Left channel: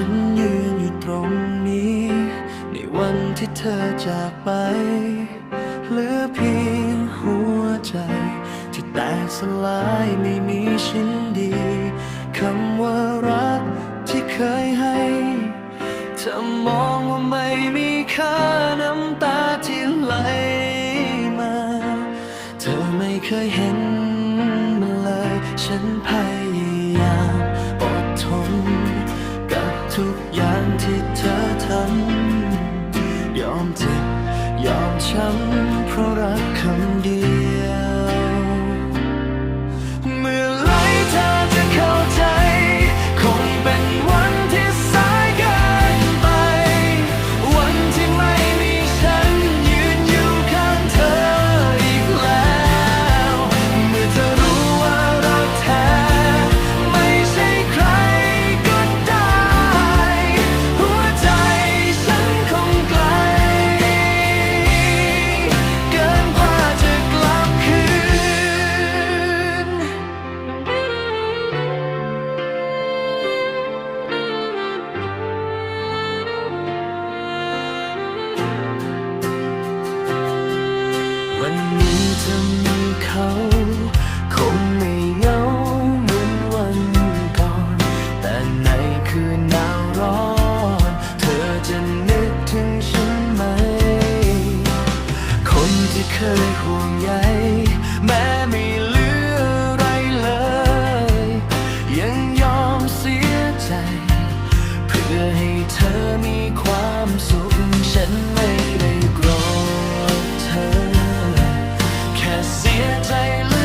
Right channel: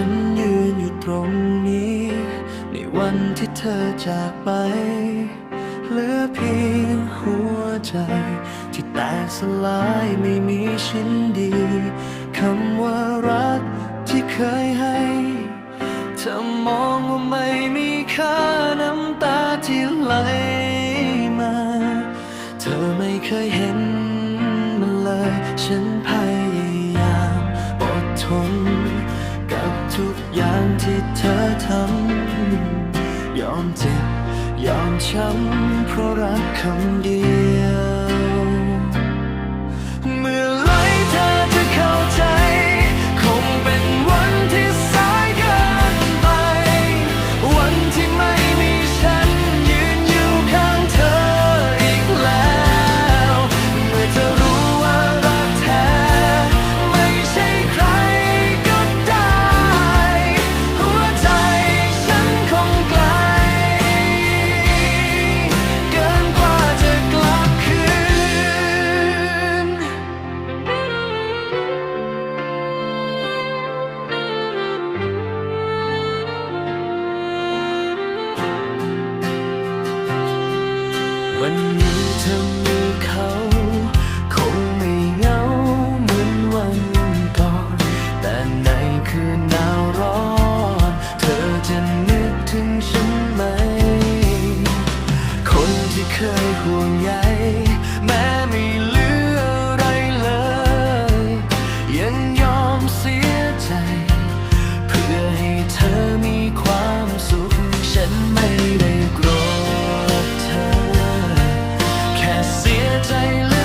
ันยืนอยู่ตรงนี้ ในวันที่เธอจากไป เหลือเพียงหัวใจ ที่แตกสลายไม่มีชิ้นดีคำว่ารักที่เคยให้เธอมองว่าไม่มีค่าน้ำตาที่ไหลมา เธอไม่เคยเห็นมันเลย ฉันพยาย อย่างที่เธอทำยอมเจ็บยอมช้ำเพราะรักคำเดียว วันนี้เธอมีเขา คงไม่เหงาเหมือนวันก่อน แต่ในคืนหนาวร้อน เธอจะนึกถึงฉันไหม คนที่เคยห่วงใยแม้ไม่เหลืออะไรเลย ยังยอมเสียใจ เพื่อให้เธอมีความสุข ฉันไม่ได้โกรธเธอ เสียใจลึก